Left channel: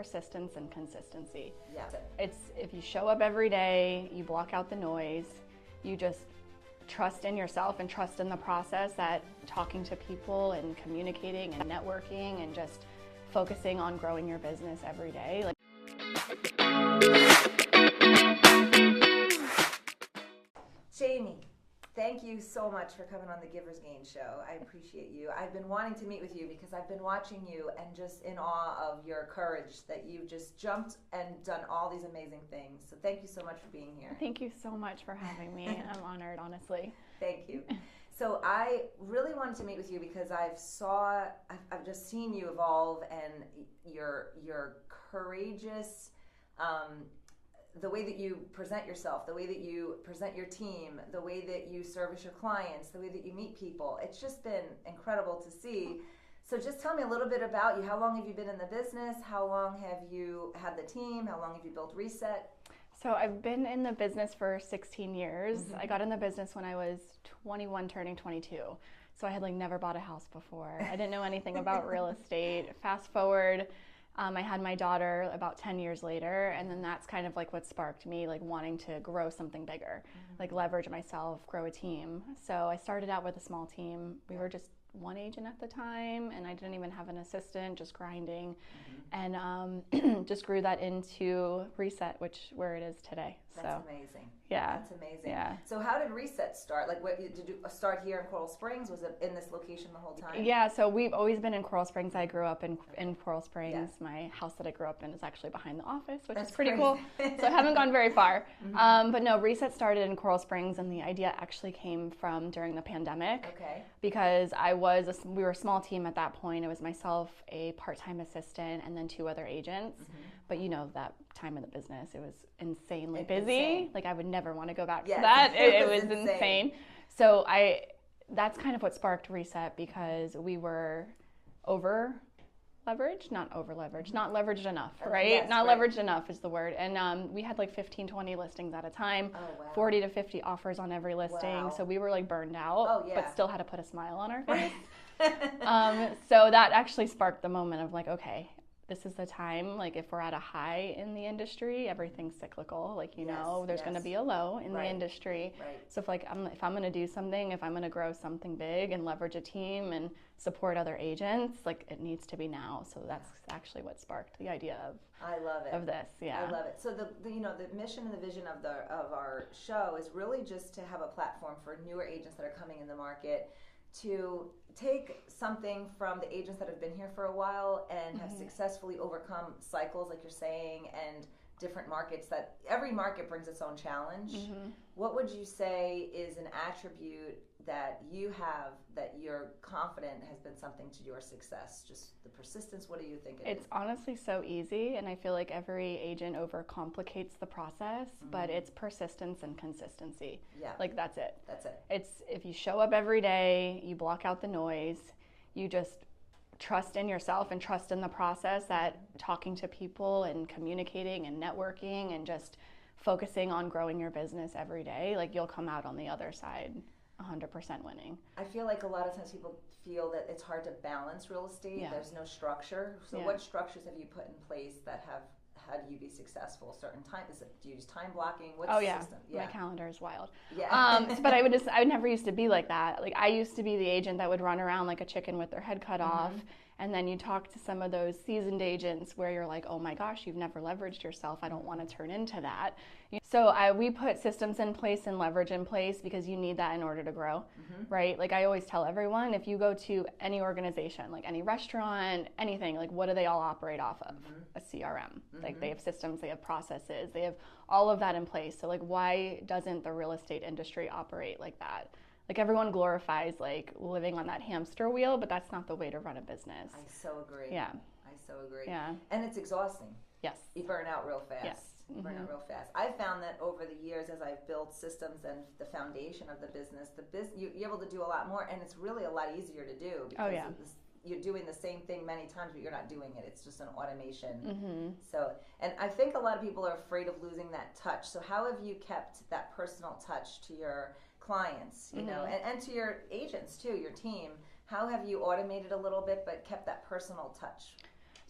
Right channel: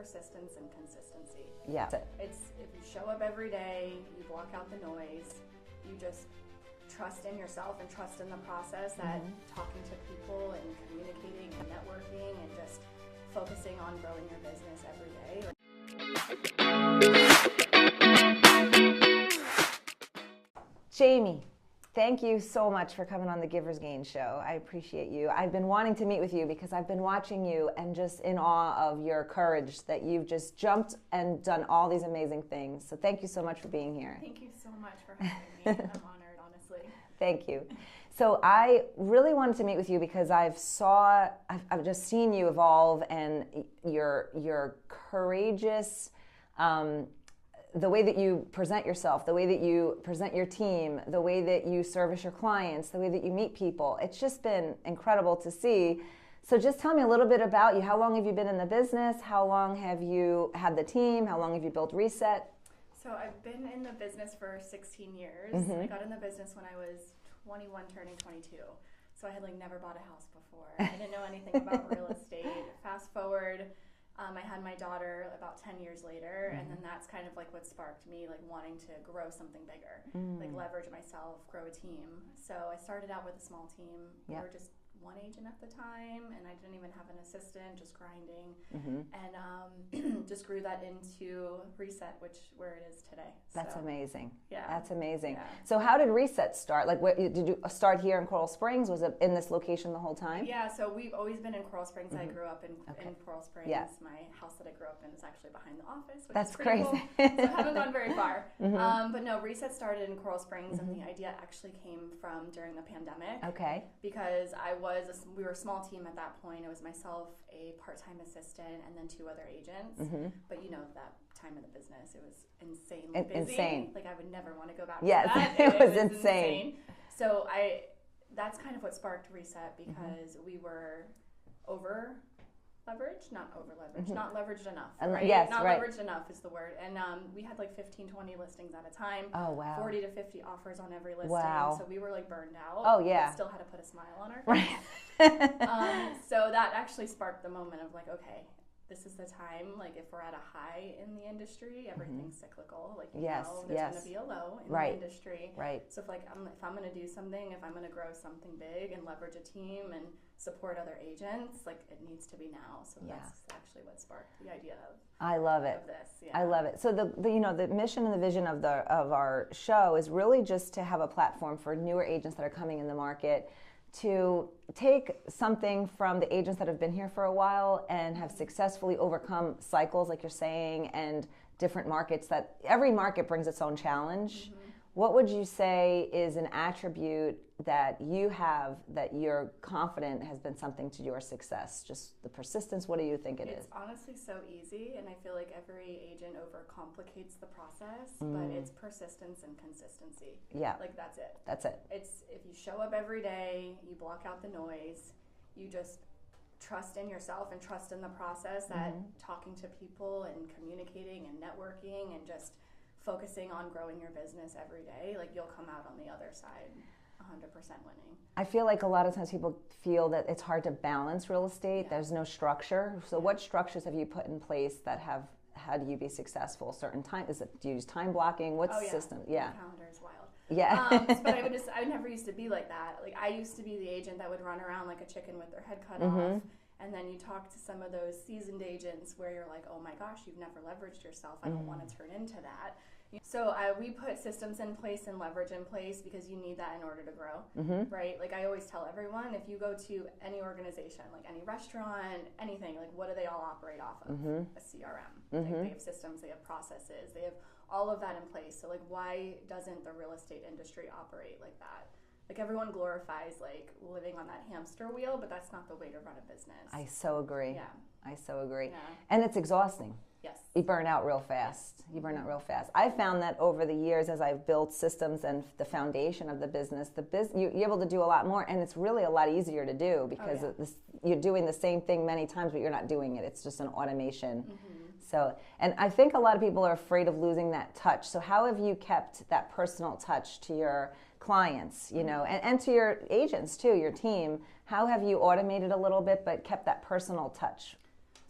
persistence and consistency. Yeah. It's if you show up every day, you block out the noise, you just trust in yourself and trust in the process that talking to people and communicating and networking and just focusing on growing your business every day. Jamie, thank you so much for coming on the Giver's Gain show. I appreciate you. I've been wanting to meet with you because I've been watching you and just in awe of your courage that you've just jumped and done all these amazing things. So thank you so much for being here. Thank you so much for having me. I'm honored, honestly. Thank you. So I really wanted to meet with you because I've just seen you evolve, and your courageous, the way that you present yourself, the way that you present your team, the way that you service your clients, the way that you meet people. It's just been incredible to see. So just tell me a little bit about you. How long have you been in the business? How long have you had the team? How long have you built Reset? So I've been in the business for 16 years. I got in the business when I was 21 turning 22. So I had never bought a house before. I didn't know anything about real estate. Fast forward, I had my daughter about 10 years later, and then that's kind of what sparked me wanting to grow something bigger, leverage myself, grow a team. So I started out with a small team. We were just one agent at the time, and I didn't even have an assistant, just grinding, and just grew that into Reset, where it is today. That's amazing. Yeah, that's amazing. Yeah. So how did Reset start? Did you start here in Coral Springs? Was it in this location the whole time? Yeah, so we've always been in Coral Springs. I grew up in Coral Springs. Yeah. My house that I grew up in is actually behind the office, which That's is pretty crazy. cool. So I haven't gone very far. But no, Reset started in Coral Springs, and the idea actually came from during the pandemic. Okay. Because we were a small team at that point. It was myself, a part-time assistant, and then 2 other agents. But that time of the business, it was insanely busy. Insane. I would never want to go back Yes, to that. it was was insane. So that's kind of what sparked Reset, because we were over leveraged, not over leveraged, not leveraged enough, right? Yes, not right. leveraged enough is the word. And we had 15, 20 listings at a time. Oh, wow. 40 to 50 offers on every listing. Wow. So we were burned out. Oh, yeah. But still had to put a smile on our face. So that actually sparked the moment of okay, this is the time. If we're at a high in the industry, everything's cyclical. There's going to be a low in the industry. Right. So if I'm going to do something, if I'm going to grow something big and leverage a team and support other agents, it needs to be now. So that's actually what sparked the idea of. I love it. Of this, yeah. I love it. So the mission and the vision of our show is really just to have a platform for newer agents that are coming in the market to take something from the agents that have been here for a while and have successfully overcome cycles, like you're saying, and different markets. That every market brings its own challenge. What would you say is an attribute that you have that you're confident has been something to your success? Just the persistence. What do you think It's honestly so easy, and I feel like every agent overcomplicates the process, but it's persistence and consistency. Yeah. That's it. That's it. It's if you show up every day, you block out the noise, you just trust in yourself and trust in the process that talking to people and communicating and networking and just focusing on growing your business every day, you'll come out on the other side 100% winning. I feel like a lot of times people feel that it's hard to balance real estate. There's no structure. So what structures have you put in place that have had you be successful? Certain time, do you use time blocking? What's the system? Yeah. My calendar is wild. Yeah. But I never used to be like that. I used to be the agent that would run around like a chicken with their head cut off. And then you talk to some of those seasoned agents where you're like, oh my gosh, you've never leveraged yourself. I don't want to turn into that. So we put systems in place and leverage in place because you need that in order to grow, right? I always tell everyone, if you go to any organization, any restaurant, anything, what do they all operate off of? A CRM. They have systems, they have processes, they have all of that in place. So why doesn't the real estate industry operate like that? Everyone glorifies living on that hamster wheel, but that's not the way to run a business. I so agree. Yeah. I so agree. Yeah. And it's exhausting. Yes. You burn out real fast. Yes. You burn out real fast. I've found that over the years as I've built systems and the foundation of the business, you're able to do a lot more, and it's really a lot easier to do because you're doing the same thing many times, but you're not doing it. It's just an automation. So, and I think a lot of people are afraid of losing that touch. So how have you kept that personal touch to your clients, and to your agents too, your team? How have you automated a little bit but kept that personal touch?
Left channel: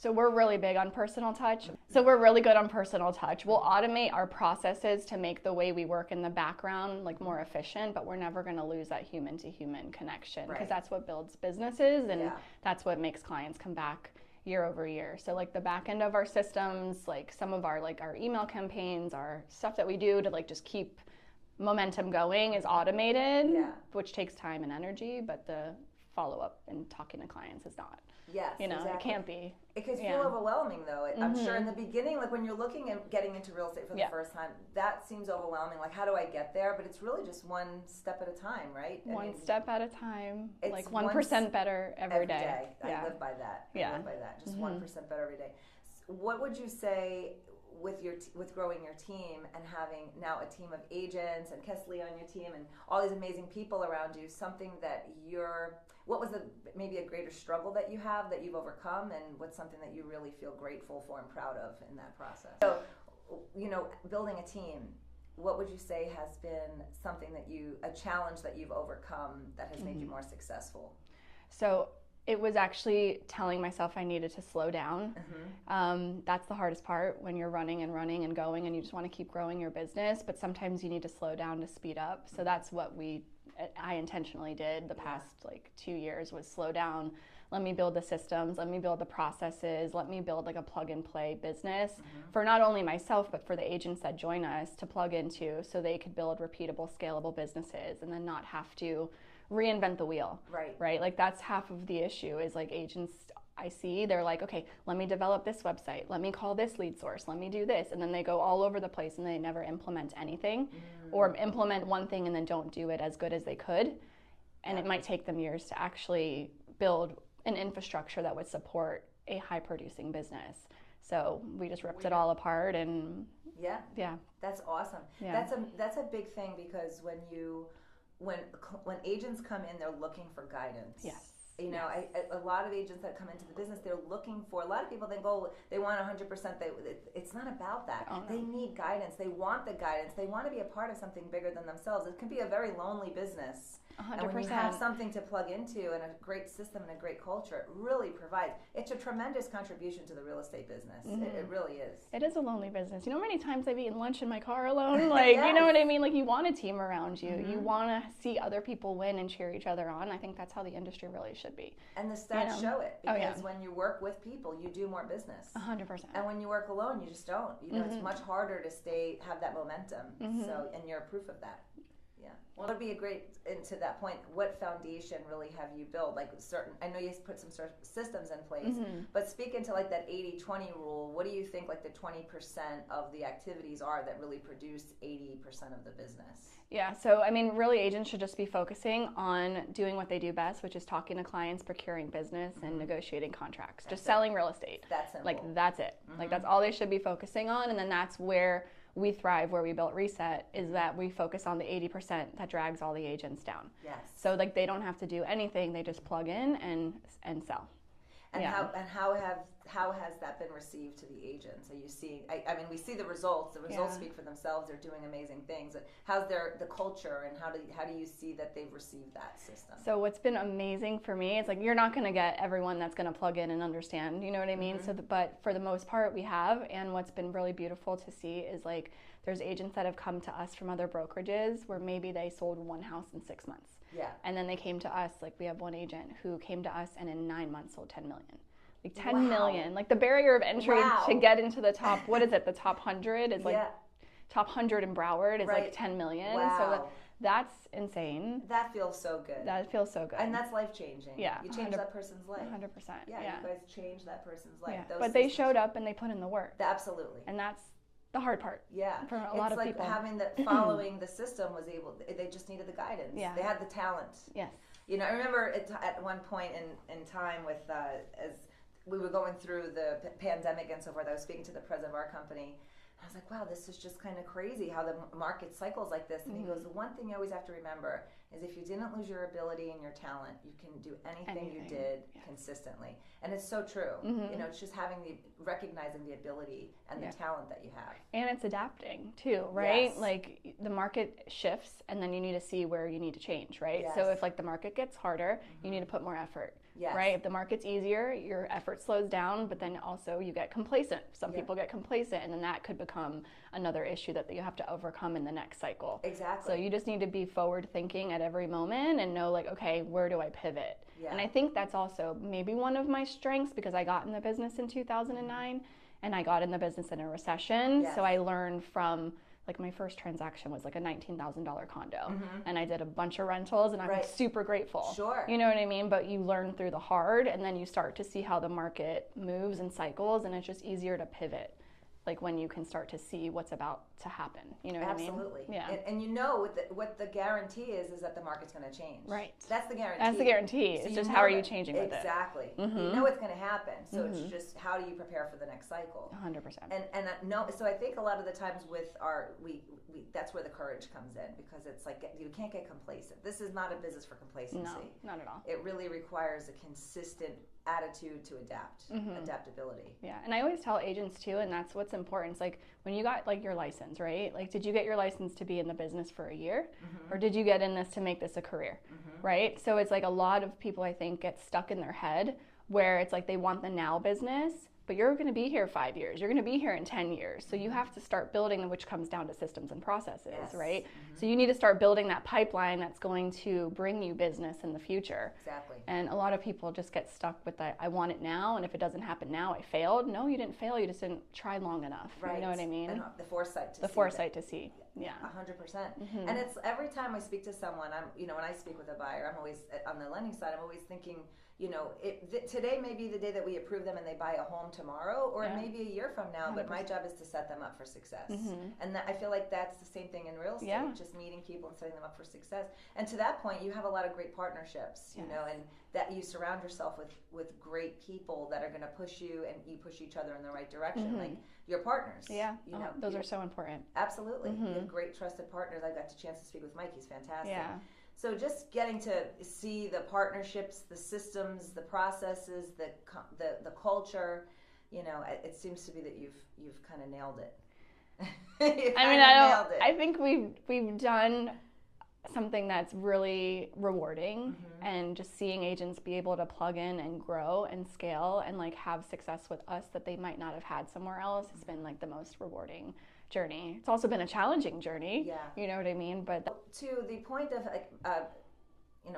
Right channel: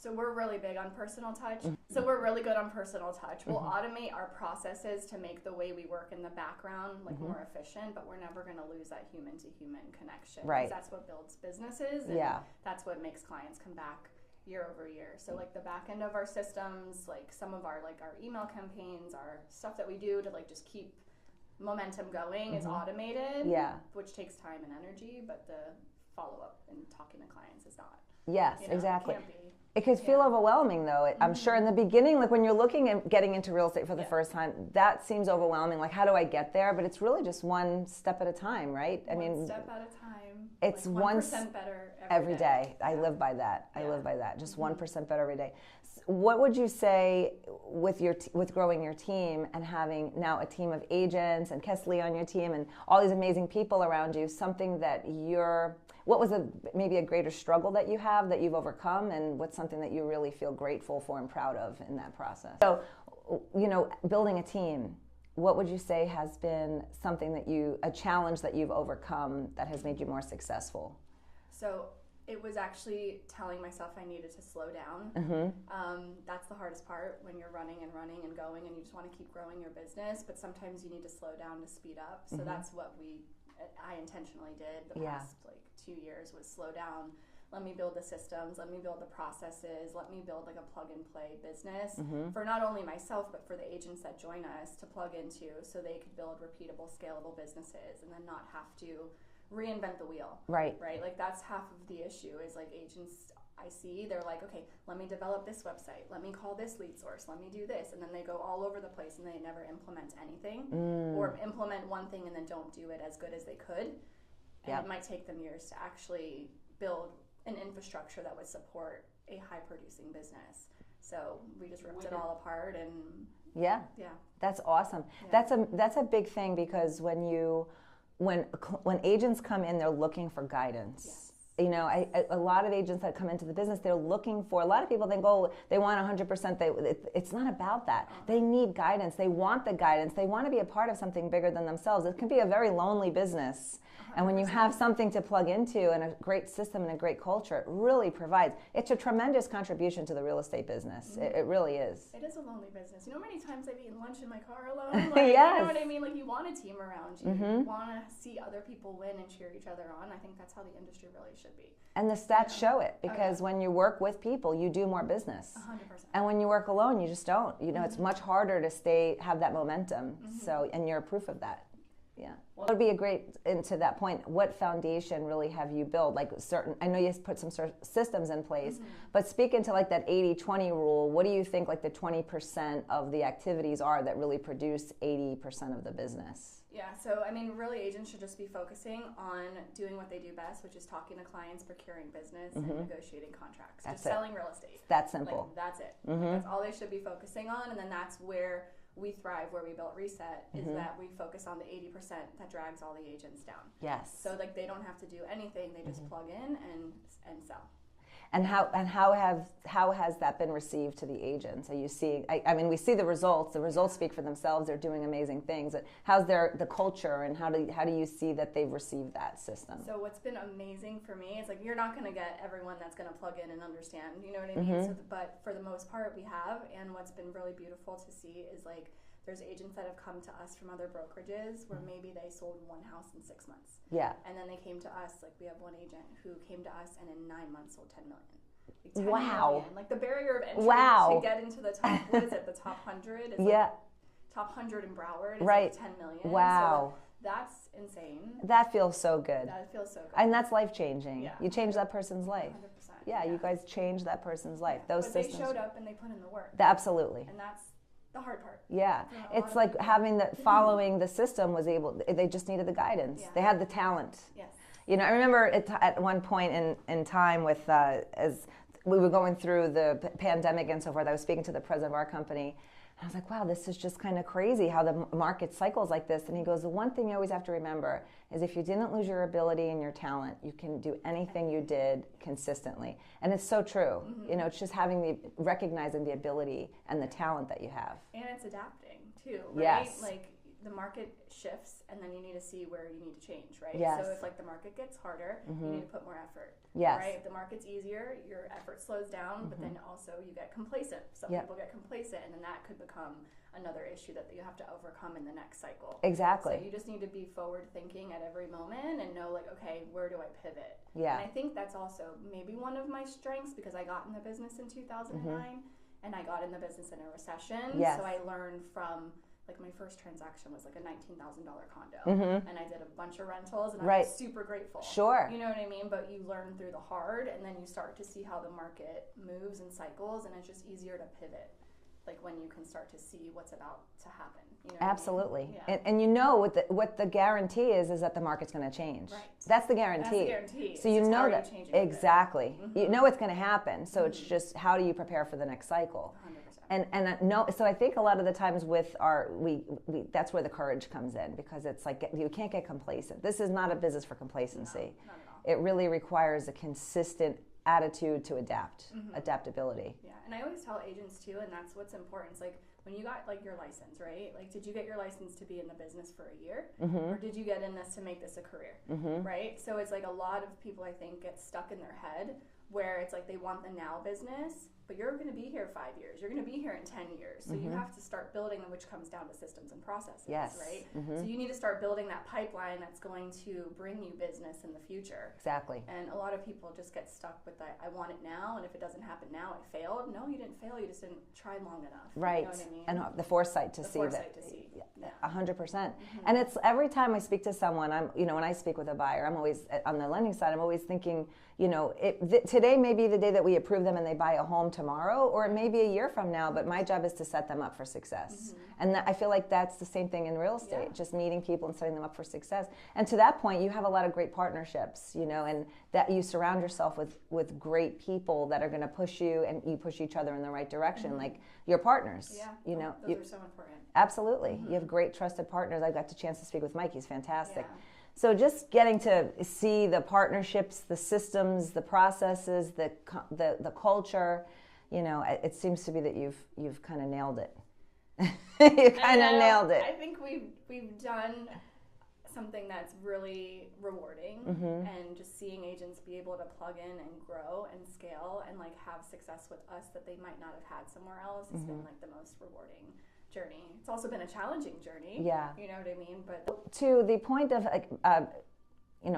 So we're really big on personal touch. So we're really good on personal touch. We'll automate our processes to make the way we work in the background like more efficient, but we're never going to lose that human to human connection, because that's what builds businesses, and that's what makes clients come back year over year. So like the back end of our systems, like some of our like our email campaigns, our stuff that we do to like just keep momentum going is automated, which takes time and energy, but the follow up and talking to clients is not. Yes, you know, exactly. It can't be. It could feel overwhelming, though. I'm sure in the beginning, like when you're looking at getting into real estate for the first time, that seems overwhelming. Like, how do I get there? But it's really just one step at a time, right? One step at a time. It's like 1% better every day. I live by that. I live by that. Just 1% better every day. What would you say with growing your team and having now a team of agents and Kesley on your team and all these amazing people around you? Something that what was maybe a greater struggle that you have that you've overcome, and what's something that you really feel grateful for and proud of in that process? So, you know, building a team, what would you say has been something a challenge that you've overcome that has made you more successful? So it was actually telling myself I needed to slow down. That's the hardest part when you're running and going and you just want to keep growing your business, but sometimes you need to slow down to speed up. So that's what I intentionally did the past like 2 years, was slow down. Let me build the systems, let me build the processes, let me build like a plug and play business for not only myself, but for the agents that join us to plug into, so they could build repeatable, scalable businesses and then not have to reinvent the wheel. Right. Like that's half of the issue is like agents I see, they're like, okay, let me develop this website, let me call this lead source, let me do this, and then they go all over the place and they never implement anything or implement one thing and then don't do it as good as they could. And it might take them years to actually build an infrastructure that would support a high producing business. So we just ripped it all apart and that's awesome. That's a big thing, because when agents come in, they're looking for guidance. You know, a lot of agents that come into the business, they're looking for, a lot of people think, oh, they want 100%. It's not about that. They need guidance. They want the guidance. They want to be a part of something bigger than themselves. It can be a very lonely business. 100%. And when you have something to plug into and a great system and a great culture, it really provides. It's a tremendous contribution to the real estate business. It really is. It is a lonely business. You know how many times I've eaten lunch in my car alone? Like, you know what I mean? Like, you want a team around you. You want to see other people win and cheer each other on. I think that's how the industry really should be. And the stats show it, because when you work with people, you do more business. 100%. And when you work alone, you just don't. You know, it's much harder to have that momentum. So, and you're proof of that. Yeah. Well, it would be a great, and to that point, what foundation really have you built? Like I know you put some sort of systems in place, but speaking to like that 80-20 rule, what do you think like the 20% of the activities are that really produce 80% of the business? Yeah, so I mean, really agents should just be focusing on doing what they do best, which is talking to clients, procuring business, and negotiating contracts. Just selling real estate. That's simple. Like, that's it. Like, that's all they should be focusing on, and then that's where we thrive, where we built Reset, is that we focus on the 80% that drags all the agents down. Yes. So like they don't have to do anything; they just plug in and sell. And how has that been received to the agents? Are you seeing? I mean, we see the results. The results speak for themselves. They're doing amazing things. How's the culture, and how do you see that they've received that system? So what's been amazing for me is like you're not going to get everyone that's going to plug in and understand. You know what I mean? So, but for the most part, we have. And what's been really beautiful to see is like there's agents that have come to us from other brokerages where maybe they sold one house in 6 months. Yeah. And then they came to us, like we have one agent who came to us and in 9 months sold 10 million. Like 10 million. Like the barrier of entry to get into the top, what is it? The top 100 is like top 100 in Broward is like 10 million. Wow. So that's insane. That feels so good. That feels so good. And that's life changing. Yeah. You change that person's life. 100%. Yeah, you guys changed that person's life. Yeah. But they showed up and they put in the work. Absolutely. And that's the hard part. Yeah. It's like having following the system they just needed the guidance. Yeah. They had the talent. Yes. You know, I remember at one point in time with, as we were going through the pandemic and so forth, I was speaking to the president of our company, and I was like, wow, this is just kind of crazy how the market cycles like this. And he goes, the one thing you always have to remember is if you didn't lose your ability and your talent, you can do anything you did consistently. And it's so true. You know, it's just recognizing the ability and the talent that you have. And it's adapting too, right? Yes. Like the market shifts and then you need to see where you need to change, right? Yes. So if like the market gets harder, you need to put more effort. Yes. Right? If the market's easier, your effort slows down, but then also you get complacent. Some people get complacent, and then that could become another issue that you have to overcome in the next cycle. Exactly. So you just need to be forward thinking at every moment and know, like, okay, where do I pivot? Yeah. And I think that's also maybe one of my strengths, because I got in the business in 2009 and I got in the business in a recession. Yes. So I learned from, like, my first transaction was like a $19,000 condo, and I did a bunch of rentals, and I'm super grateful. Sure. You know what I mean? But you learn through the hard, and then you start to see how the market moves and cycles, and it's just easier to pivot, like when you can start to see what's about to happen. You know what Absolutely. I mean? Yeah. And you know what the guarantee is that the market's going to change. Right. That's the guarantee. That's the guarantee. So it's just how are you changing with exactly. You know it's going to happen. So it's just how do you prepare for the next cycle? 100%. And no, so I think a lot of the times with we that's where the courage comes in, because it's like you can't get complacent. This is not a business for complacency. No, not at all. It really requires a consistent attitude to adaptability. Yeah, and I always tell agents too, and that's what's important. It's like when you got like your license, right? Like, did you get your license to be in the business for a year, or did you get in this to make this a career, right? So it's like a lot of people, I think, get stuck in their head where it's like they want the now business, but you're going to be here 5 years. You're going to be here in 10 years. So you have to start building, which comes down to systems and processes, right? So you need to start building that pipeline that's going to bring you business in the future. Exactly. And a lot of people just get stuck with that, I want it now, and if it doesn't happen now, I failed. No, you didn't fail. You just didn't try long enough. Right. You know what I mean? And the foresight to see. The foresight to see. Yeah. 100%. And it's every time I speak to someone, when I speak with a buyer, I'm always, on the lending side, I'm always thinking, today may be the day that we approve them and they buy a home tomorrow, or it may be a year from now, but my job is to set them up for success. And I feel like that's the same thing in real estate, just meeting people and setting them up for success. And to that point, you have a lot of great partnerships, and that you surround yourself with great people that are going to push you, and you push each other in the right direction, like your partners. Yeah, those are so important. Absolutely. You have great trusted partners. I got the chance to speak with Mike. He's fantastic. Yeah. So just getting to see the partnerships, the systems, the processes, the culture, it seems to be that you've kind of nailed it. Nailed it. I think we've done something that's really rewarding, and just seeing agents be able to plug in and grow and scale and like have success with us that they might not have had somewhere else has been like the most rewarding journey. It's also been a challenging journey. Yeah. You know what I mean? But to the point of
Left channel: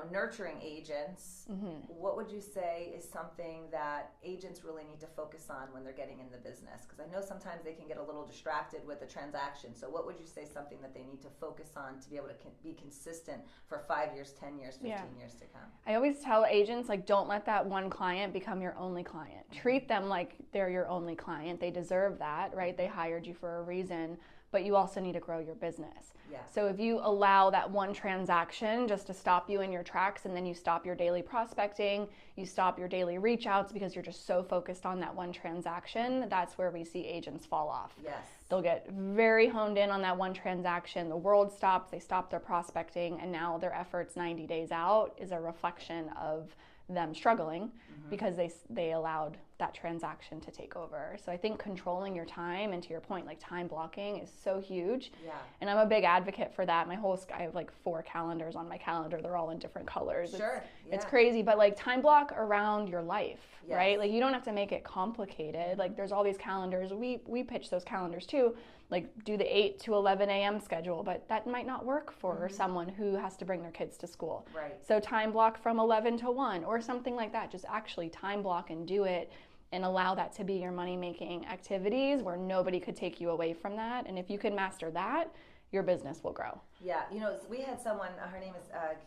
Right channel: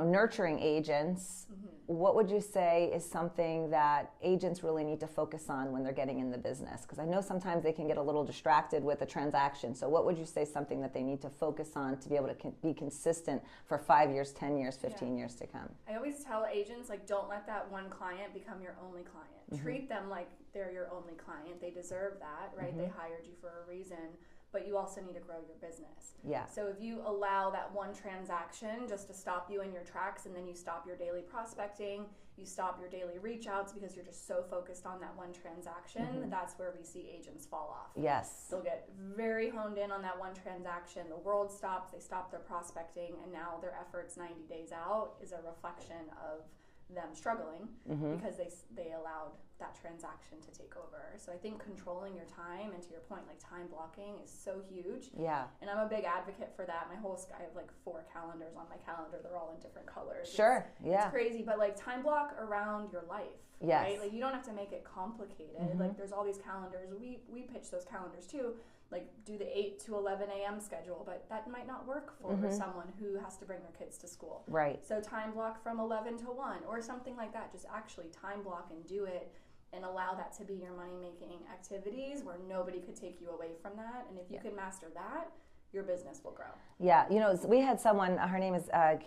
nurturing agents, what would you say is something that agents really need to focus on when they're getting in the business? Because I know sometimes they can get a little distracted with a transaction. So what would you say something that they need to focus on to be able to be consistent for 5 years, 10 years, 15 years to come? I always tell agents, like, don't let that one client become your only client. Treat them like they're your only client. They deserve that, right? They hired you for a reason. But you also need to grow your business. Yeah. So if you allow that one transaction just to stop you in your tracks, and then you stop your daily prospecting, you stop your daily reach outs because you're just so focused on that one transaction, that's where we see agents fall off. Yes. They'll get very honed in on that one transaction. The world stops, they stop their prospecting, and now their efforts 90 days out is a reflection of them struggling because they allowed that transaction to take over. So I think controlling your time, and to your point, like time blocking is so huge. Yeah. And I'm a big advocate for that. I have like 4 calendars on my calendar. They're all in different colors. Sure. It's crazy, but like time block around your life, yes. right? Like you don't have to make it complicated. Like there's all these calendars. We pitch those calendars too. Like do the 8 to 11 a.m. schedule, but that might not work for someone who has to bring their kids to school. Right. So time block from 11 to 1 or something like that. Just actually time block and do it, and allow that to be your money-making activities where nobody could take you away from that. And if you can master that, your business will grow. Yeah, we had someone. Her name is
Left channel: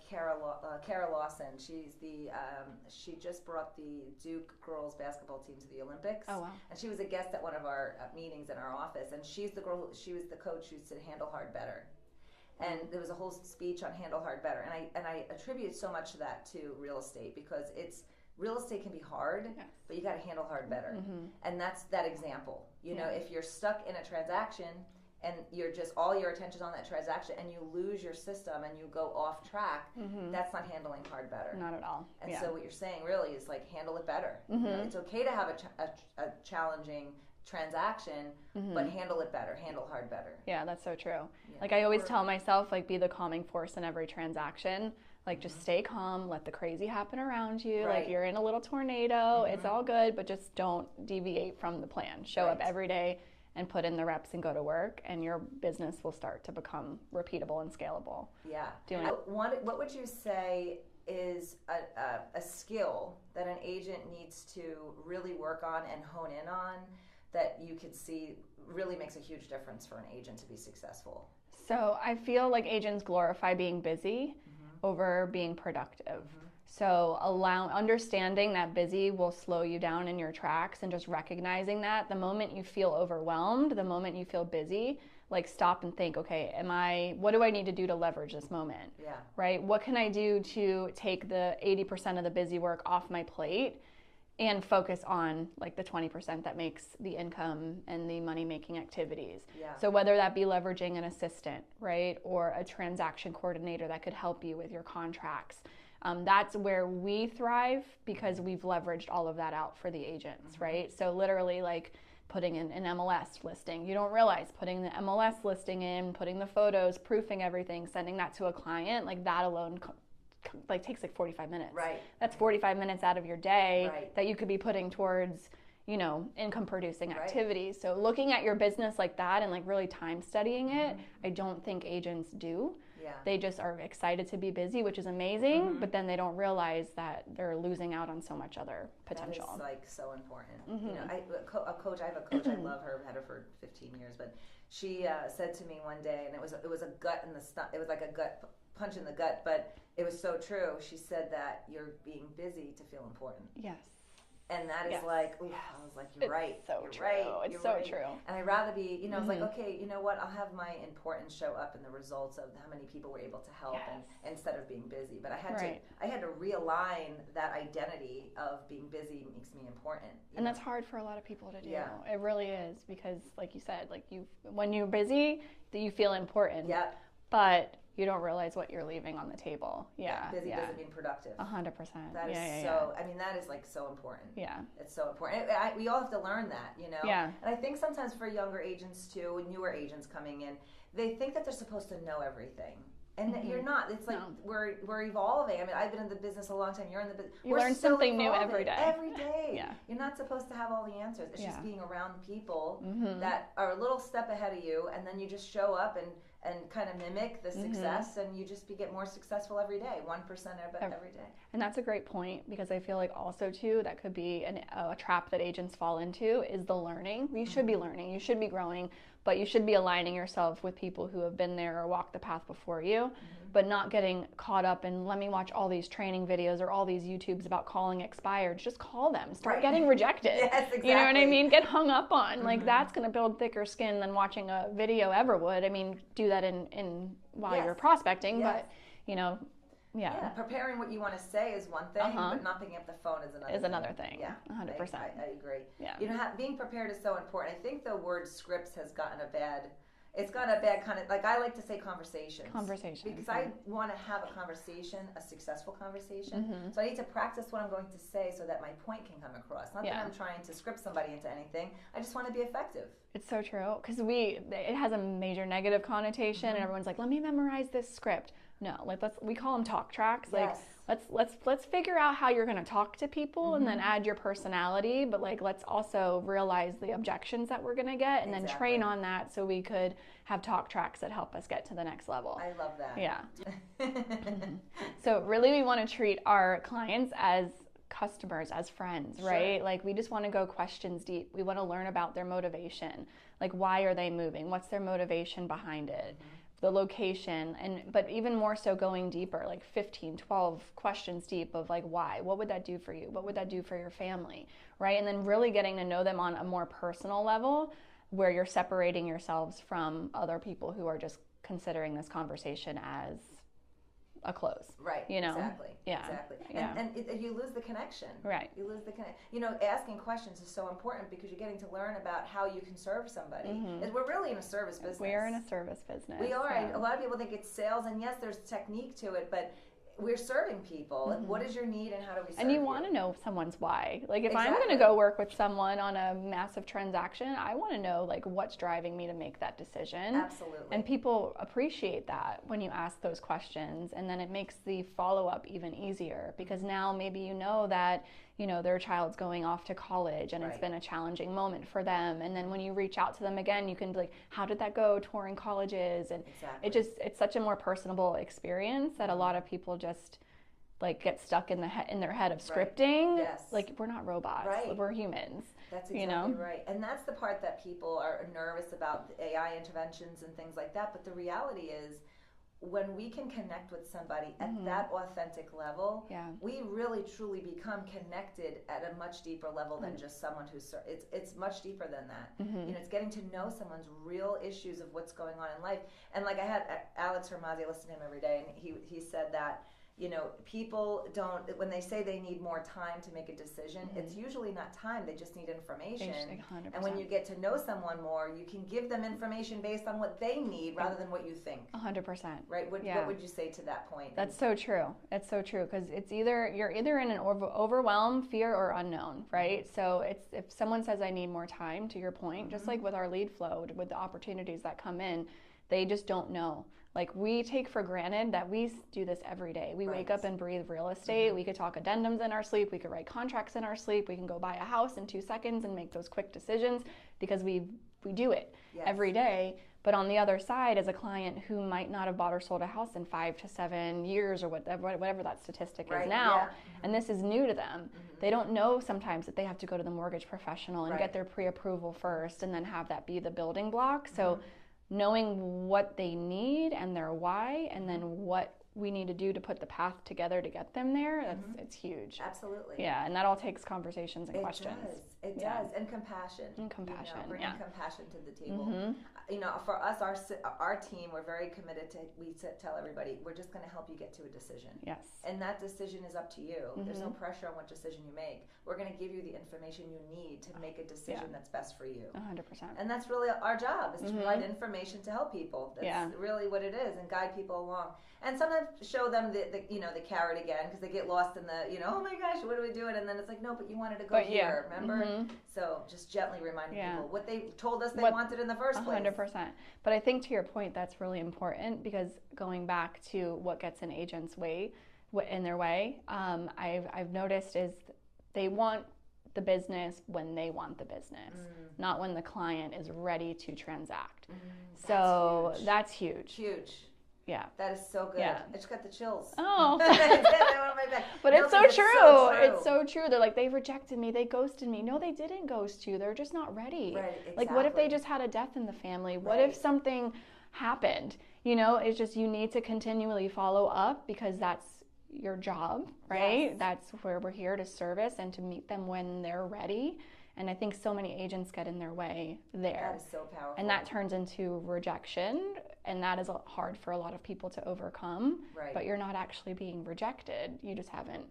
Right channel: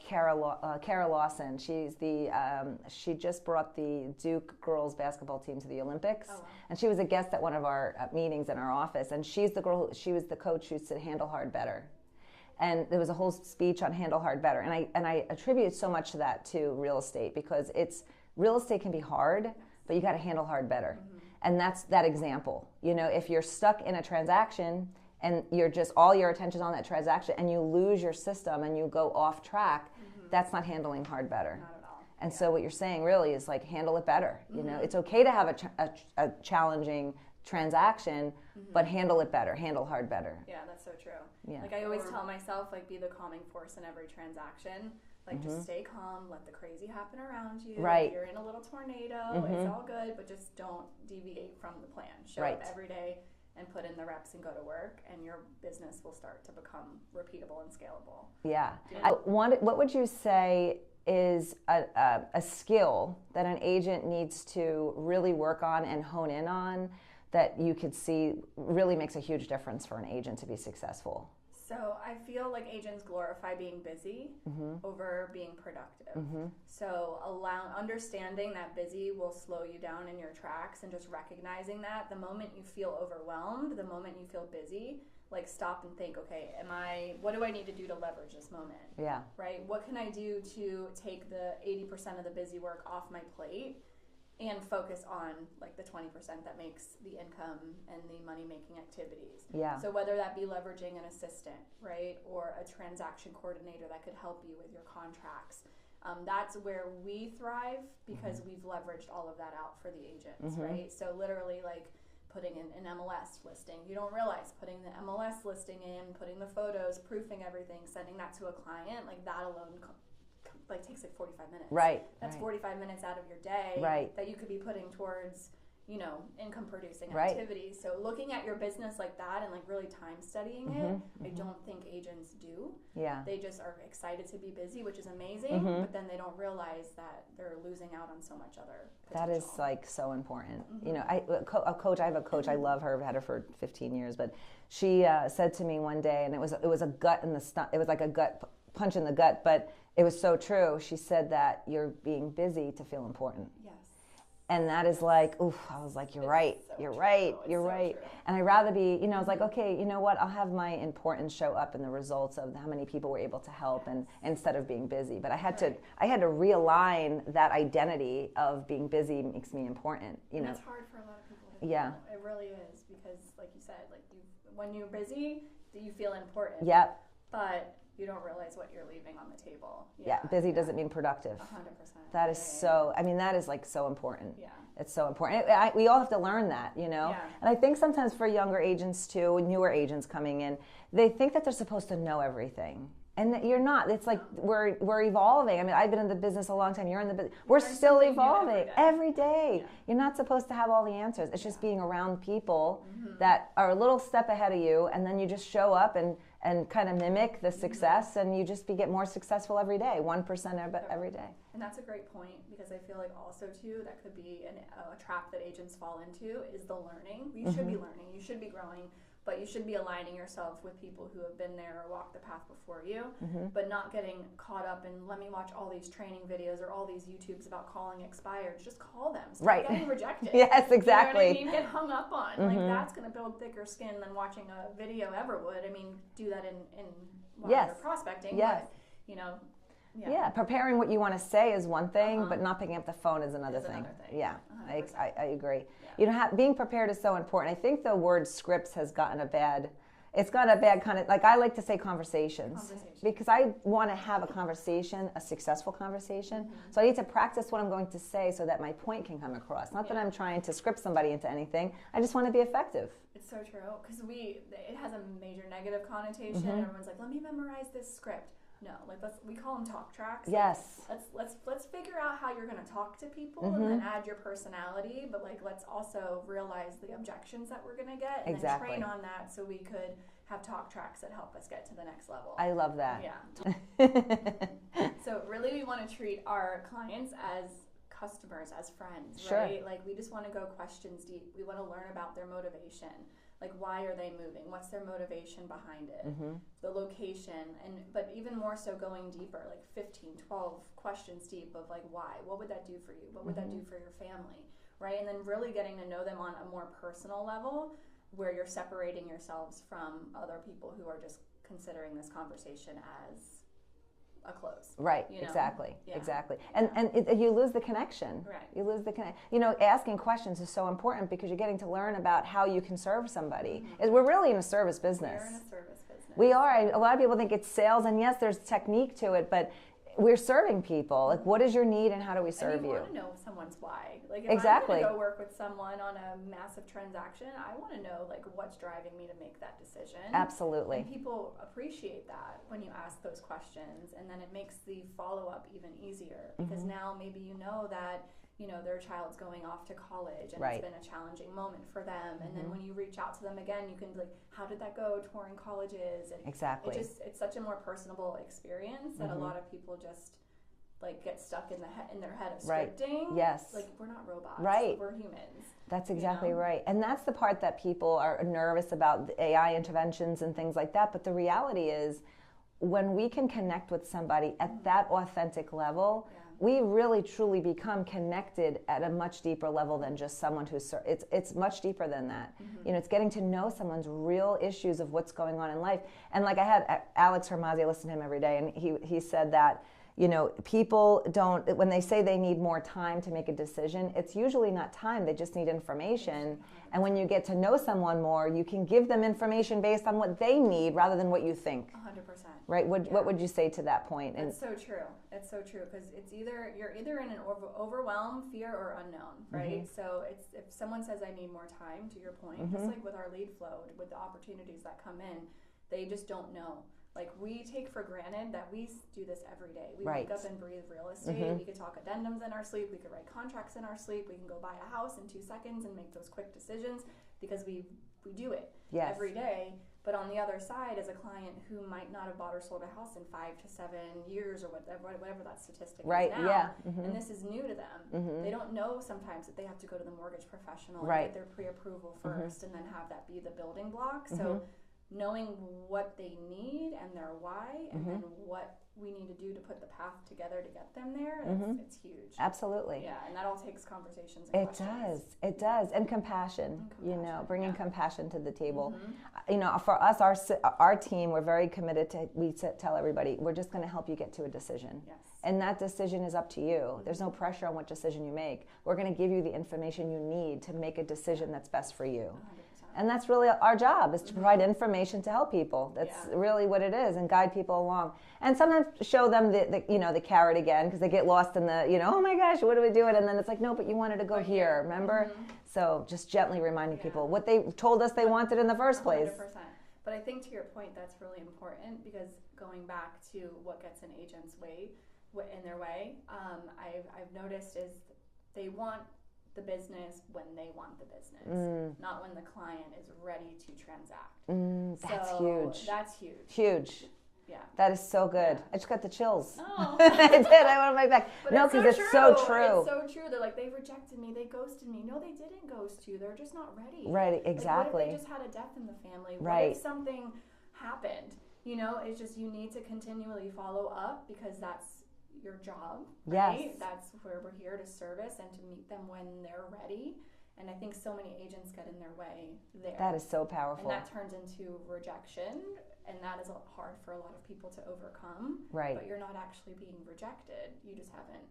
Kara Lawson. She just brought the Duke girls basketball team to the Olympics. Oh, wow. And she was a guest at one of our meetings in our office. And she's the girl. She was the coach who said handle hard better. And there was a whole speech on handle hard better. And I attribute so much to that to real estate, because real estate can be hard, but you got to handle hard better. And that's that example. If you're stuck in a transaction and you're just all your attention on that transaction and you lose your system and you go off track, that's not handling hard better. Not at all. And so what you're saying really is like handle it better. It's okay to have a challenging transaction, but handle it better, handle hard better. Yeah, that's so true. Yeah. Like I always tell myself, like be the calming force in every transaction Like, just stay calm, let the crazy happen around you. Right. Like, you're in a little tornado, it's all good, but just don't deviate from the plan. Show up every day and put in the reps and go to work, and your business will start to become repeatable and scalable. Yeah. What would you say is a skill that an agent needs to really work on and hone in on that you could see really makes a huge difference for an agent to be successful? So I feel like agents glorify being busy over being productive. So understanding that busy will slow you down in your tracks, and just recognizing that the moment you feel overwhelmed, the moment you feel busy, like, stop and think, okay, what do I need to do to leverage this moment? Yeah. Right? What can I do to take the 80% of the busy work off my plate and focus on, like, the 20% that makes the income and the money-making activities? Yeah. So whether that be leveraging an assistant, right, or a transaction coordinator that could help you with your contracts, that's where we thrive, because we've leveraged all of that out for the agents, right? So literally, like, putting in an MLS listing. You don't realize putting the MLS listing in, putting the photos, proofing everything, sending that to a client, like, that alone takes like 45 minutes. Right. That's 45 minutes out of your day Right. that you could be putting towards, income producing activities. So looking at your business like that and, like, really time studying it, I don't think agents do. Yeah. They just are excited to be busy, which is amazing, but then they don't realize that they're losing out on so much other potential. That is, like, so important. I have a coach, I love her, I've had her for 15 years, but she said to me one day, and it was a gut in the stomach, it was like a gut punch in the gut, but it was so true. She said that you're being busy to feel important. Yes. And that is like, oof, I was like, you're right. You're right. You're right. True. And I'd rather be, I was like, okay, you know what? I'll have my importance show up in the results of how many people were able to help, and instead of being busy. But I had to realign that identity of being busy makes me important. And that's hard for a lot of people to do. Yeah. It really is, because, like you said, like, when you're busy, you feel important. Yep. But you don't realize what you're leaving on the table. Busy doesn't mean productive. 100%. That is that is, like, so important. Yeah. It's so important. We all have to learn that, Yeah. And I think sometimes for younger agents too, newer agents coming in, they think that they're supposed to know everything. And you're not. It's like we're evolving. I mean, I've been in the business a long time. You're in the business. We're still evolving new every day. Yeah. You're not supposed to have all the answers. It's just being around people that are a little step ahead of you, and then you just show up and kind of mimic the success, and you just get more successful every day, 1% every day. And that's a great point, because I feel like also too, that could be a trap that agents fall into, is the learning. You should be learning, you should be growing, but you should be aligning yourself with people who have been there or walked the path before you, but not getting caught up in, let me watch all these training videos or all these YouTubes about calling expired. Just call them. Start getting rejected. Yes, exactly. You know what I mean? Get hung up on. Like, that's going to build thicker skin than watching a video ever would. I mean, do that while you're prospecting, but, Yeah, preparing what you want to say is one thing, but not picking up the phone is another thing. Yeah, 100%. I agree. Yeah. Being prepared is so important. I think the word scripts has gotten a bad kind of, like, I like to say conversations. Because I want to have a conversation, a successful conversation. So I need to practice what I'm going to say so that my point can come across. Not that I'm trying to script somebody into anything. I just want to be effective. It's so true, because it has a major negative connotation, and everyone's like, let me memorize this script. No, like, we call them talk tracks. Yes. Like, let's figure out how you're going to talk to people, and then add your personality. But, like, let's also realize the objections that we're going to get, and then train on that, so we could have talk tracks that help us get to the next level. I love that. Yeah. So really, we want to treat our clients as customers, as friends, right? Like, we just want to go questions deep. We want to learn about their motivation. Like, why are they moving? What's their motivation behind it? The location, but even more so going deeper, like 15, 12 questions deep of, like, why? What would that do for you? What would that do for your family, right? And then really getting to know them on a more personal level, where you're separating yourselves from other people who are just considering this conversation as a close. Right. Exactly. And you lose the connection. Right. You lose the connection. Asking questions is so important, because you're getting to learn about how you can serve somebody. We're really in a service business. We are in a service business. We are. A lot of people think it's sales, and yes, there's technique to it, but we're serving people. Like, what is your need and how do we serve you? And you want to know someone's why. Like, if Exactly. I'm going to go work with someone on a massive transaction, I want to know, like, what's driving me to make that decision. Absolutely. And people appreciate that when you ask those questions. And then it makes the follow-up even easier because now maybe you know that, you know, their child's going off to college and it's been a challenging moment for them. And then when you reach out to them again, you can be like, how did that go touring colleges? And it's such a more personable experience that a lot of people just like get stuck in their head of scripting. Yes. Like, we're not robots. Right. We're humans. That's exactly right. And that's the part that people are nervous about, the AI interventions and things like that. But the reality is, when we can connect with somebody at that authentic level, we really truly become connected at a much deeper level than just someone who's, it's much deeper than that. You know, it's getting to know someone's real issues of what's going on in life. And like I had Alex Hermazi, I listen to him every day, and he said that, you know, people don't, when they say they need more time to make a decision, it's usually not time, they just need information. And when you get to know someone more, you can give them information based on what they need rather than what you think. 100%. Right? What would you say to that point? That's so true. It's so true because you're either in an overwhelm, fear, or unknown, right? So if someone says I need more time, to your point, just like with our lead flow, with the opportunities that come in, they just don't know. Like, we take for granted that we do this every day. We wake up and breathe real estate. We could talk addendums in our sleep. We could write contracts in our sleep. We can go buy a house in 2 seconds and make those quick decisions because we do it every day. But on the other side, as a client who might not have bought or sold a house in 5 to 7 years or whatever that statistic is now, and this is new to them, they don't know sometimes that they have to go to the mortgage professional and get their pre-approval first and then have that be the building block. So knowing what they need and their why, and then what we need to do to put the path together to get them there, it's huge. Absolutely. Yeah, and that all takes conversations and questions. It does. And compassion. You know, bringing compassion to the table. You know, for us, our team, we're very committed to, we tell everybody, we're just going to help you get to a decision. Yes. And that decision is up to you. There's no pressure on what decision you make. We're going to give you the information you need to make a decision that's best for you. 100%. And that's really our job, is to provide information to help people. That's really what it is, and guide people along. And sometimes show them the carrot again, because they get lost in the, oh my gosh, what are we doing? And then it's like, no, but you wanted to go here, remember? So just gently reminding people what they told us they wanted in the first place. 100%. But I think to your point, that's really important, because going back to what gets an agent's in their way, I've noticed is they want the business when they want the business, not when the client is ready to transact. That's huge. Huge. Yeah. That is so good. Yeah. I just got the chills. Oh. I did. I went on my back. But it's so true. It's so true. They're like, they rejected me. They ghosted me. No, they didn't ghost you. They're just not ready. Right, exactly. Like, what if they just had a death in the family? What if something happened? It's just, you need to continually follow up, because that's your job, right? Yes. That's where we're here to service and to meet them when they're ready. And I think so many agents get in their way there. That is so powerful. And that turns into rejection, and that is hard for a lot of people to overcome. Right. But you're not actually being rejected. You just haven't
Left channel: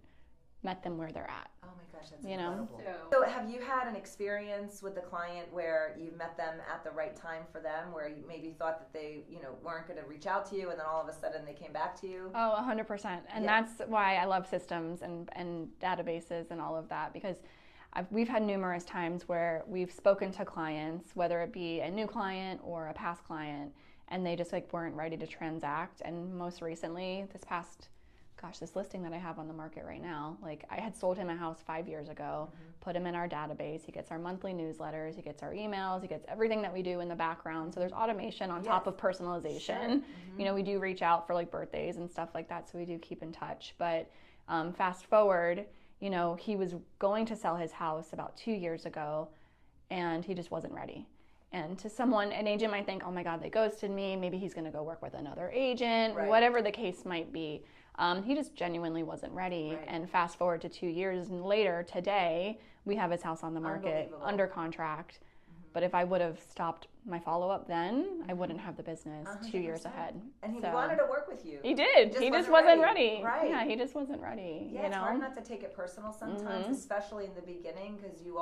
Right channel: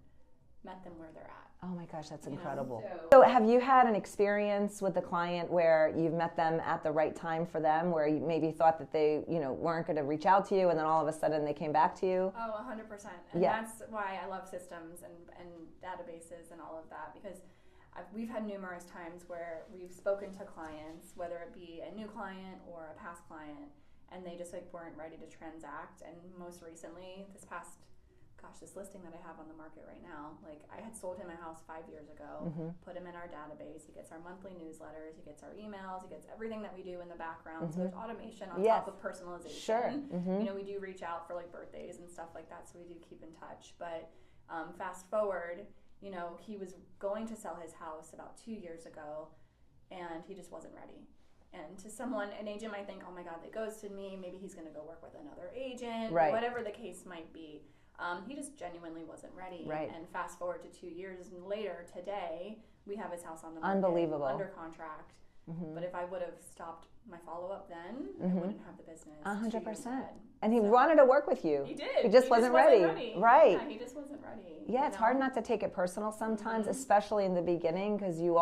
met them where they're at. Oh my gosh, that's incredible. So have you had an experience with a client where you've met them at the right time for them, where you maybe thought that they, weren't going to reach out to you, and then all of a sudden they came back to you? Oh, 100%. And that's why I love systems and databases and all of that, because we've had numerous times where we've spoken to clients, whether it be a new client or a past client, and they just weren't ready to transact. And most recently, this listing that I have on the market right now, I had sold him a house 5 years ago, put him in our database. He gets our monthly newsletters, he gets our emails, he gets everything that we do in the background. So there's automation on top of personalization. Sure. We do reach out for birthdays and stuff like that, so we do keep in touch. But fast forward, he was going to sell his house about 2 years ago, and he just wasn't ready. And to an agent might think, oh my God, they ghosted me. Maybe he's going to go work with another agent, whatever the case might be. He just genuinely wasn't ready. Right. And fast forward to 2 years later, today, we have his house on the market, under contract. But if I would have stopped my follow-up then, I wouldn't have the business 100%. 2 years ahead. And he wanted to work with you. He did. He just wasn't ready. Right. Yeah, he just wasn't ready. Yeah, it's hard not to take it personal sometimes, especially in the beginning, because you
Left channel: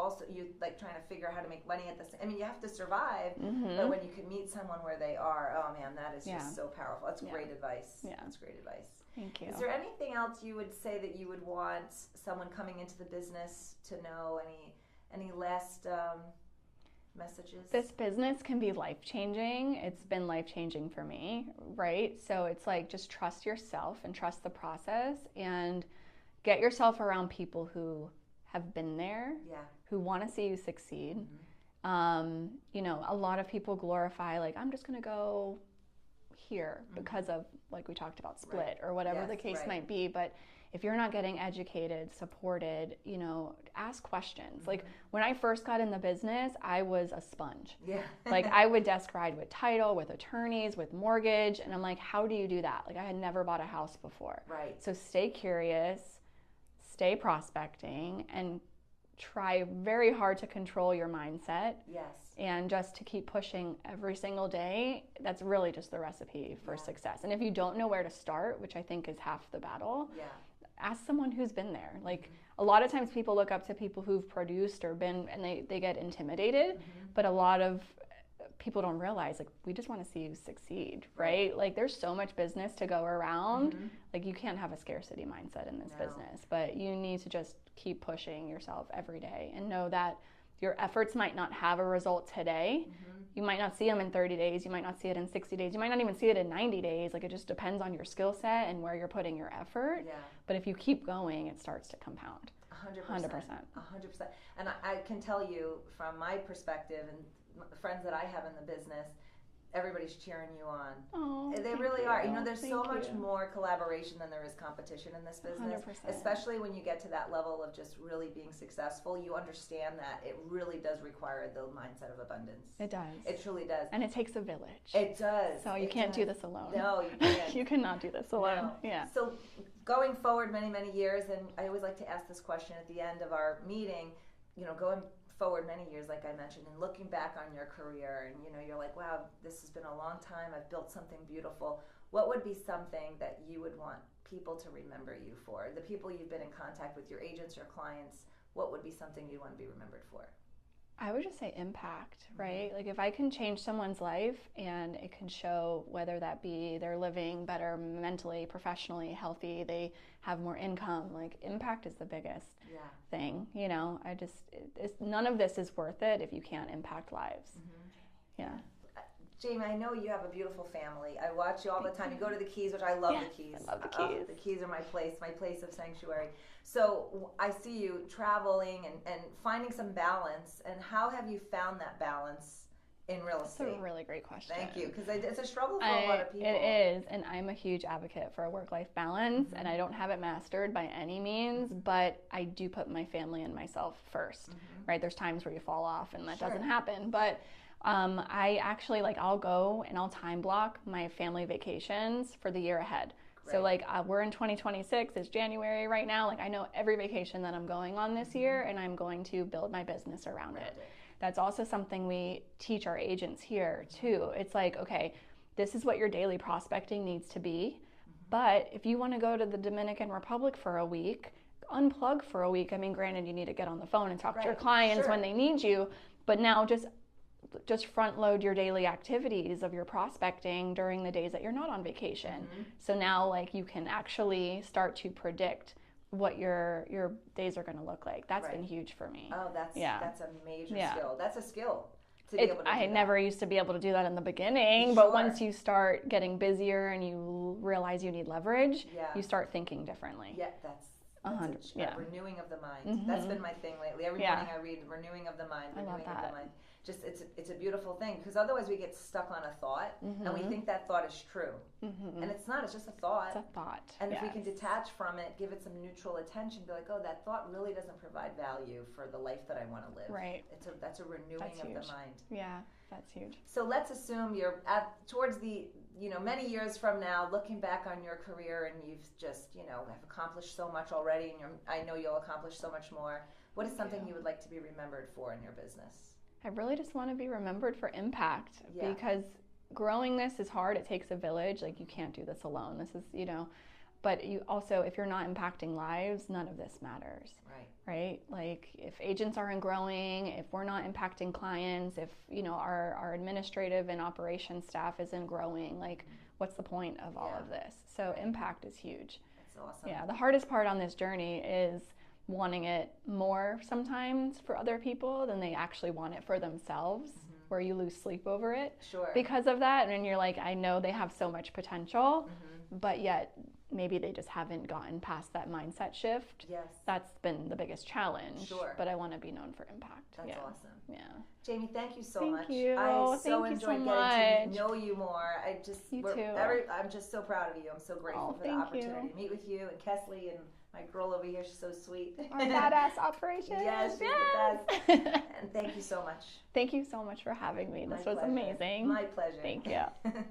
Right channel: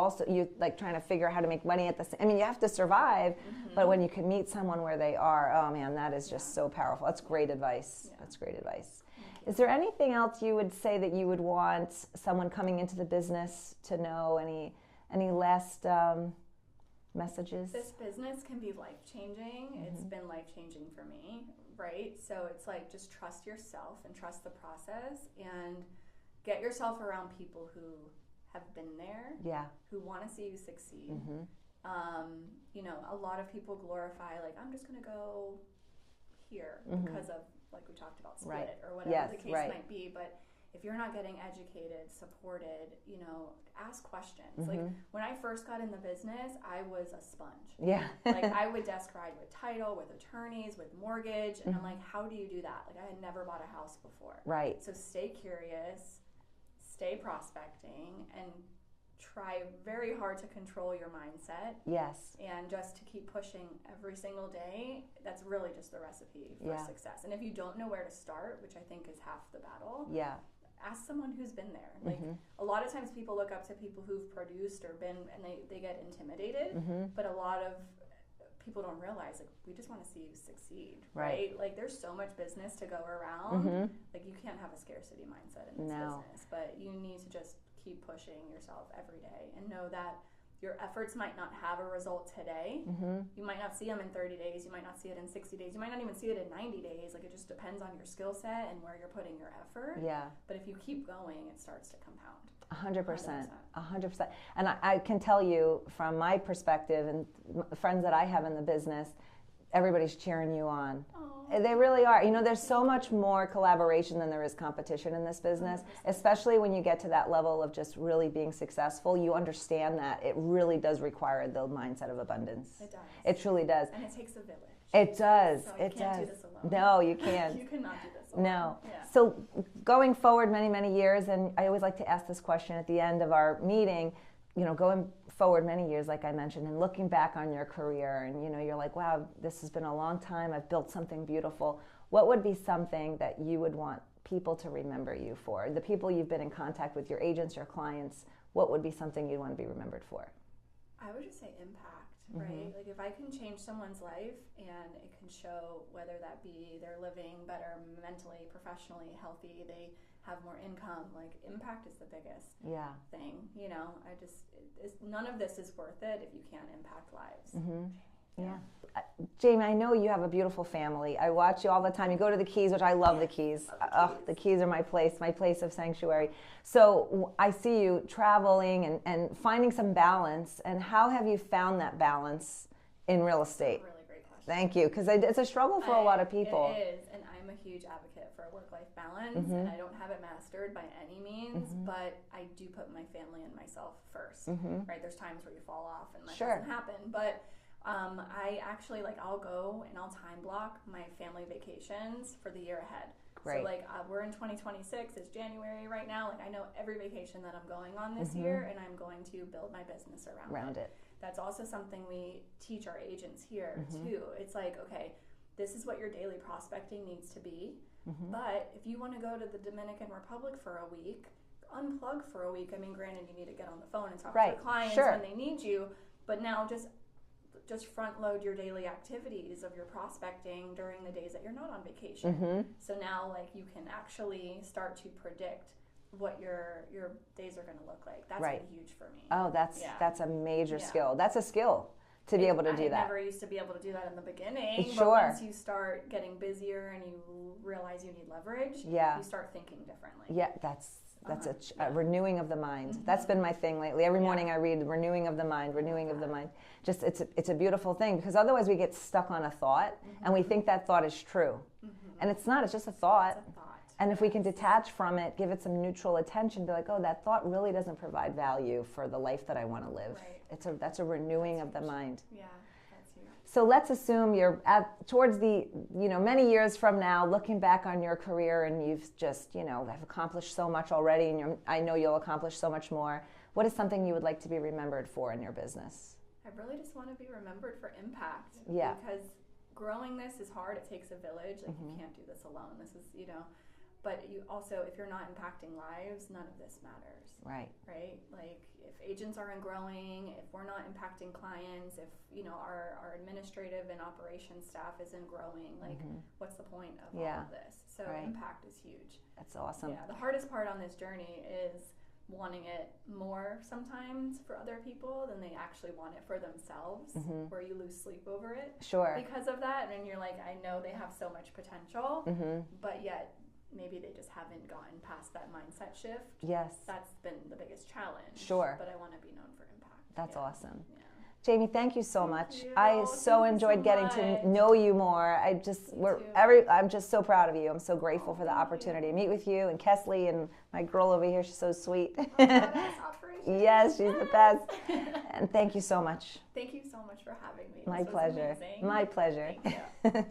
trying to figure out how to make money at the same. I mean, you have to survive, but when you can meet someone where they are, oh man, that is just so powerful. That's great advice. Yeah. That's great advice. Thank you. Is there anything else you would say that you would want someone coming into the business to know? Any last messages? This business can be life-changing. It's been life-changing for me, right? So it's like, just trust yourself and trust the process, and get yourself around people who have been there, who want to see you succeed. A lot of people glorify, like, I'm just going to go here because of, like we talked about, split or whatever the case might be. But if you're not getting educated, supported, ask questions. Like, when I first got in the business, I was a sponge. Like, I would desk ride with title, with attorneys, with mortgage, and I'm like, how do you do that? Like, I had never bought a house before. So stay curious, stay prospecting, and try very hard to control your mindset. And just to keep pushing every single day. That's really just the recipe for success. And if you don't know where to start, which I think is half the battle, ask someone who's been there. Like, a lot of times people look up to people who've produced or been, and they get intimidated. But a lot of people don't realize, like, we just want to see you succeed, right? Like, there's so much business to go around. Like, you can't have a scarcity mindset in this business, but you need to just keep pushing yourself every day and know that your efforts might not have a result today. You might not see them in 30 days. You might not see it in 60 days. You might not even see it in 90 days. Like, it just depends on your skill set and where you're putting your effort. But if you keep going, it starts to compound. 100%. 100%. And I can tell you from my perspective and friends that I have in the business, everybody's cheering you on. They really are. There's so much more collaboration than there is competition in this business, 100%. Especially when you get to that level of just really being successful. You understand that it really does require the mindset of abundance. It does. It truly does. And it takes a village. It does. So you can't do this alone. No, you can't. You cannot do this alone. No. So going forward many, many years, and I always like to ask this question at the end of our meeting, going forward many years, like I mentioned, and looking back on your career, and you're like, wow, this has been a long time. I've built something beautiful. What would be something that you would want people to remember you for? The people you've been in contact with, your agents, your clients, what would be something you'd want to be remembered for? I would just say impact, right? Like, if I can change someone's life and it can show, whether that be they're living better mentally, professionally, healthy, they have more income, like, impact is the biggest thing. None of this is worth it if you can't impact lives. Jamie, I know you have a beautiful family. I watch you all the time. You go to the Keys, which I love the Keys. I love the Keys. The Keys are my place of sanctuary. So I see you traveling and finding some balance. And how have you found that balance in real estate? That's a really great question. Thank you, because it's a struggle for a lot of people. It is, and I'm a huge advocate for a work-life balance, and I don't have it mastered by any means, but I do put my family and myself first, right? There's times where you fall off and that doesn't happen, but I actually, I'll go and I'll time block my family vacations for the year ahead. Great. So we're in 2026, it's January right now. I know every vacation that I'm going on this year, and I'm going to build my business around it. That's also something we teach our agents here too. It's like, okay, this is what your daily prospecting needs to be. But if you want to go to the Dominican Republic for a week, unplug for a week. I mean, granted, you need to get on the phone and talk to your clients when they need you, but now just front load your daily activities of your prospecting during the days that you're not on vacation. So now you can actually start to predict what your days are going to look like. That's been huge for me. Oh, that's a major skill. That's a skill to be able to do that. I never used to be able to do that in the beginning, but once you start getting busier and you realize you need leverage, you start thinking differently. Yeah, that's a renewing of the mind. That's been my thing lately. Every morning I read renewing of the mind, renewing of the mind. Just it's a beautiful thing, because otherwise we get stuck on a thought and we think that thought is true. And it's not, it's just a thought. It's a thought. And if we can detach from it, give it some neutral attention, be like, oh, that thought really doesn't provide value for the life that I want to live. Right. That's a renewing of the mind. Yeah, that's huge. So let's assume you're towards the, many years from now, looking back on your career, and you've just, have accomplished so much already, and I know you'll accomplish so much more. What is something you would like to be remembered for in your business? I really just want to be remembered for impact, because growing this is hard. It takes a village. You can't do this alone. This is, But you also, if you're not impacting lives, none of this matters. Right? Like if agents aren't growing, if we're not impacting clients, if our administrative and operations staff isn't growing, like what's the point of all of this? So impact is huge. That's awesome. Yeah, the hardest part on this journey is wanting it more sometimes for other people than they actually want it for themselves, where you lose sleep over it because of that. And you're like, I know they have so much potential, but yet maybe they just haven't gotten past that mindset shift. Yes. That's been the biggest challenge. But I want to be known for impact. That's awesome. Yeah. Jamie, thank you so much. You. I so enjoyed getting to know you more. I'm just so proud of you. I'm so grateful for the opportunity to meet with you and Kesley and my girl over here. She's so sweet. Our badass operation. Yes, she's the best. And thank you so much. Thank you so much for having me. My This was pleasure. amazing. My pleasure. Thank you.